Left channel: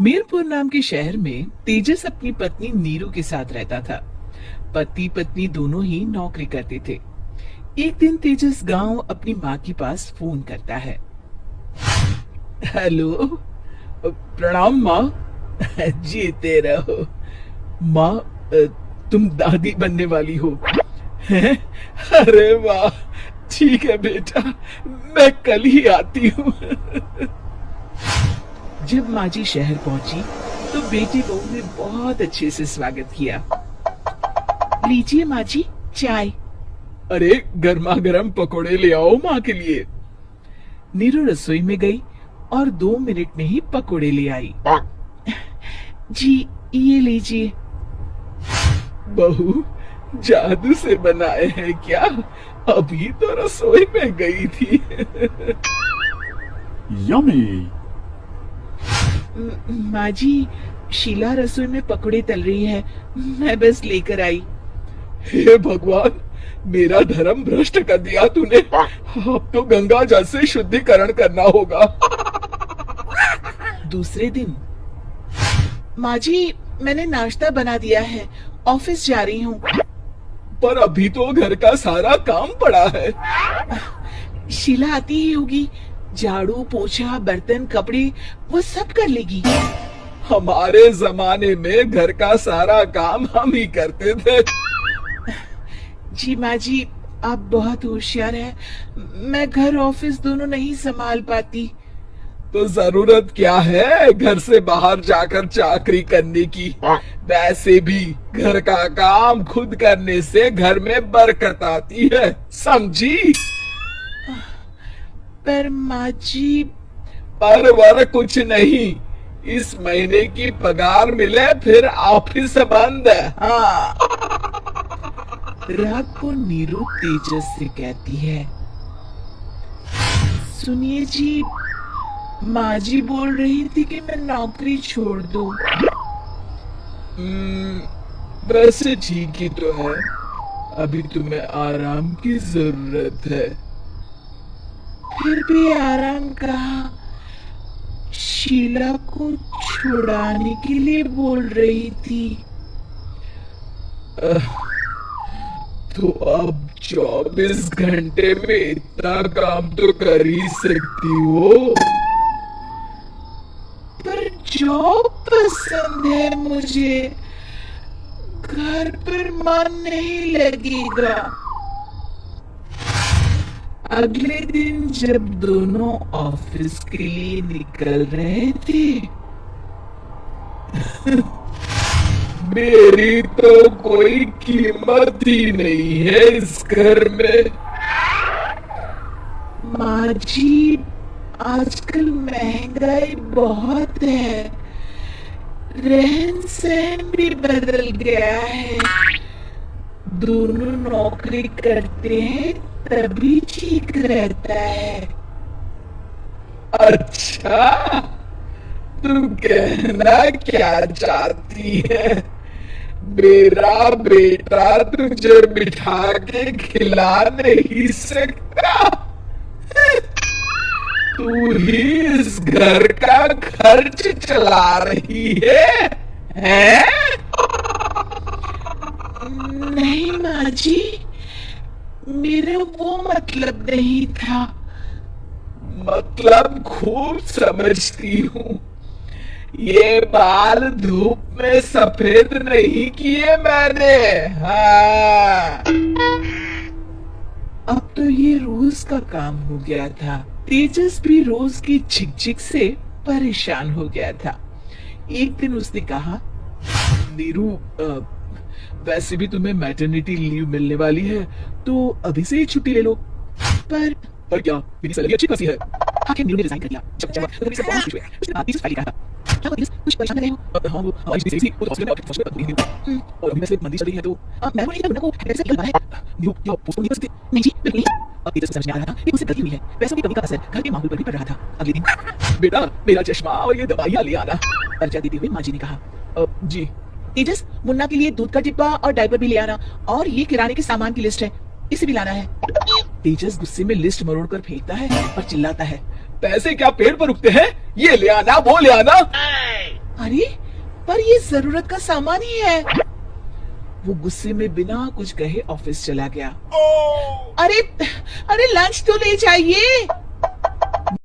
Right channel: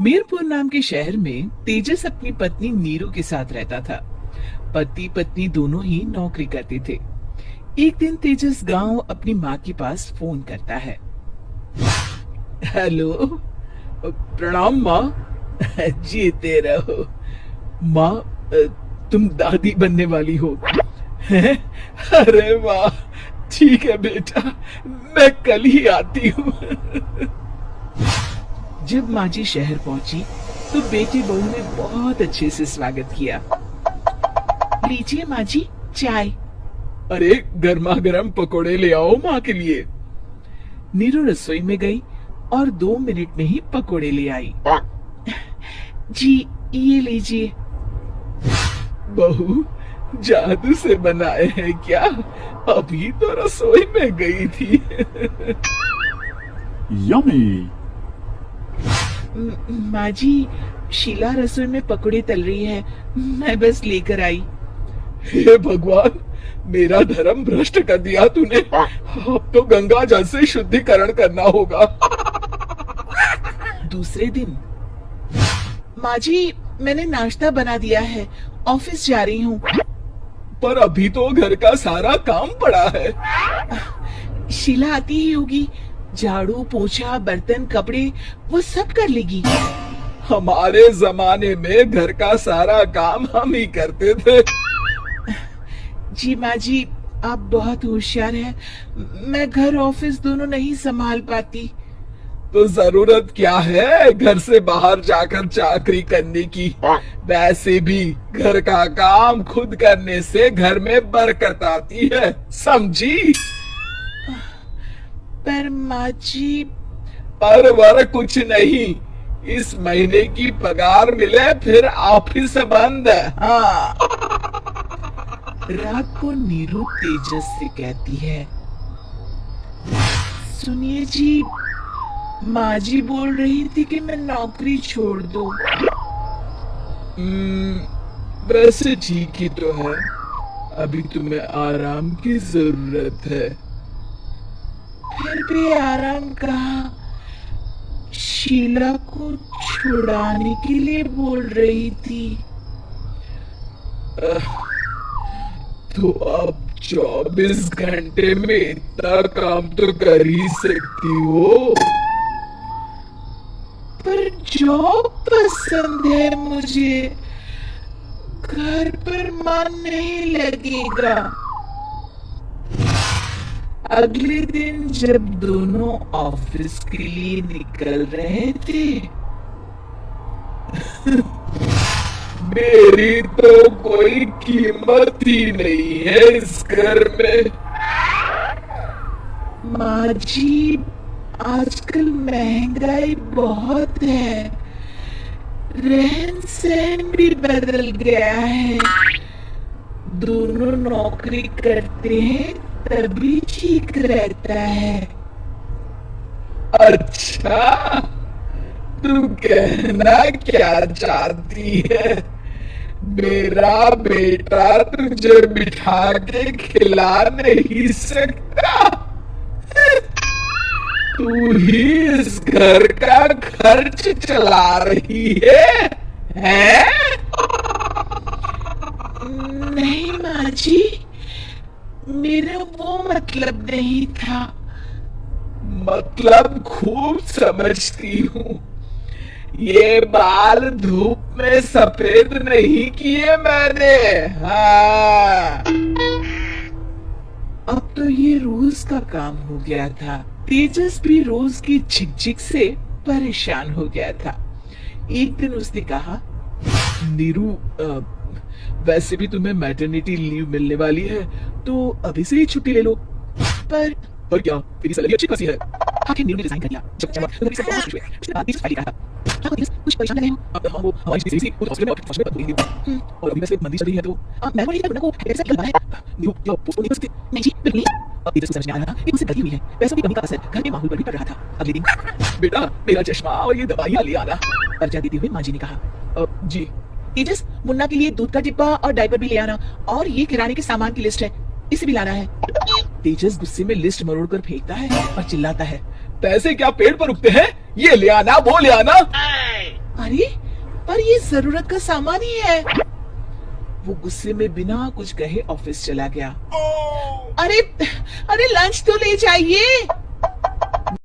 मीरपुर नाम के शहर में तेजस अपनी पत्नी नीरू के साथ रहता था। पति पत्नी दोनों ही नौकरी करते थे। एक दिन तेजस गांव अपनी माँ के पास फोन करता है। हेलो, प्रणाम माँ। जीते रहो माँ, तुम दादी बनने वाली हो हैं? अरे वाह, ठीक है बेटा, मैं कल ही आती हूँ। जब माँ जी शहर पहुंची तो बेटे बहू ने बहुत अच्छे से स्वागत किया। लीजिए माँ जी, चाय। अरे गर्मा गर्म पकोड़े ले आओ माँ के लिए। नीरू रसोई में गई और 2 मिनट में ही पकोड़े ले आई। जी ये लीजिए। बहू जादू से बनाए हैं क्या? अभी तो रसोई में गई थी। यम्मी। माँ जी, शीला रसोई में पकौड़े तल रही है, मैं बस लेकर आई। हे भगवान, मेरा धर्म भ्रष्ट कर दिया तूने। अब तो गंगा जल से शुद्धिकरण करना होगा। दूसरे दिन, माँ जी मैंने नाश्ता बना दिया है, ऑफिस जा रही हूँ। पर अभी तो घर का सारा काम पड़ा है। शीला आती ही होगी, झाड़ू पोछा बर्तन कपड़े वो सब कर लेगी। हमारे जमाने में घर का सारा काम हम ही करते थे। जी माँ जी, आप बहुत होशियार हैं, मैं घर ऑफिस दोनों नहीं संभाल पाती। तो जरूरत क्या है घर से बाहर जाकर चाकरी करने की? वैसे भी घर का काम खुद करने से घर में बरकत आती है, समझी? पर माँ जी, पर वर कुछ नहीं, इस महीने की पगार मिले फिर ऑफिस बंद है। हाँ। रात को नीरू तेजस से कहती है, सुनिए जी, माँ जी बोल रही थी कि मैं नौकरी छोड़ दूं। वैसे ठीक ही तो है, अभी तुम्हें आराम की जरूरत है। फिर भी आराम कहाँ, शीला को छुड़ाने के लिए बोल रही थी। तो अब 24 घंटे में इतना काम तो कर ही सकती हो। पर जॉब पसंद है मुझे, घर पर मन नहीं लगेगा। अगले दिन जब दोनों ऑफिस के लिए निकल रहे थे, मेरी तो कोई कीमत ही नहीं है इस घर में। माँ जी, आजकल महंगाई बहुत है, रहन सहन भी बदल गया है। दोनों नौकरी करते हैं तभी ठीक रहता है। अच्छा, तू कहना क्या चाहती है? मेरा बेटा तुझे बिठा के खिला नहीं सकता? तू ही इस घर का खर्च चला रही है, हैं? नहीं माँ जी, मेरा वो मतलब नहीं था। मतलब खूब समझती हूँ, ये बाल धूप में सफेद नहीं किए मैंने। हाँ। अब तो ये रोज का काम हो गया था। तेजस भी रोज की झिकझिक से परेशान हो गया था। एक दिन उसने कहा, नीरू, वैसे भी तुम्हें मैटरनिटी लीव मिलने वाली है, तो अभी से ही छुट्टी ले लो। पर क्या, मेरी सैलरी अच्छी खासी है। आखिर नीरू ने रिजाइन कर दिया। जब उन्होंने सब बहुत खुश हुए, उसने आती से फाइल कहा, क्या तेजस कुछ परेशान लग रहे हो? हाँ, वो हमारी स्पेस थी, वो तो हॉस्पिटल में हॉस्पिटल में रहेंगी। और अभी वैसे मंदी चल रही है तो मैं बोली था को ऐसा निकल रहा है। नीरू क्या पोस्ट नहीं कर सकती? नहीं जी, बिल्कुल नहीं। अब तेजस को समझ में आ रहा था कि उसे गलती हुई है, पैसों की कमी का असर घर के माहौल पर भी पड़ रहा था। अगले दिन, बेटा मेरा चश्मा और ये दवाइयाँ ले आना, अर्जा देते हुए माँ जी ने कहा। जी। तेजस, मुन्ना के लिए दूध का डिब्बा और डायपर भी ले आना, और ये किराने के सामान की लिस्ट है, इसे भी लाना है। तेजस गुस्से में लिस्ट मरोड़ कर फेंकता है और चिल्लाता है, पैसे क्या पेड़ पर उगते हैं? ये ले आना, वो ले आना। यार ये जरूरत का सामान ही है। वो गुस्से में बिना कुछ कहे ऑफिस चला गया। अरे अरे लंच तो ले जाइए।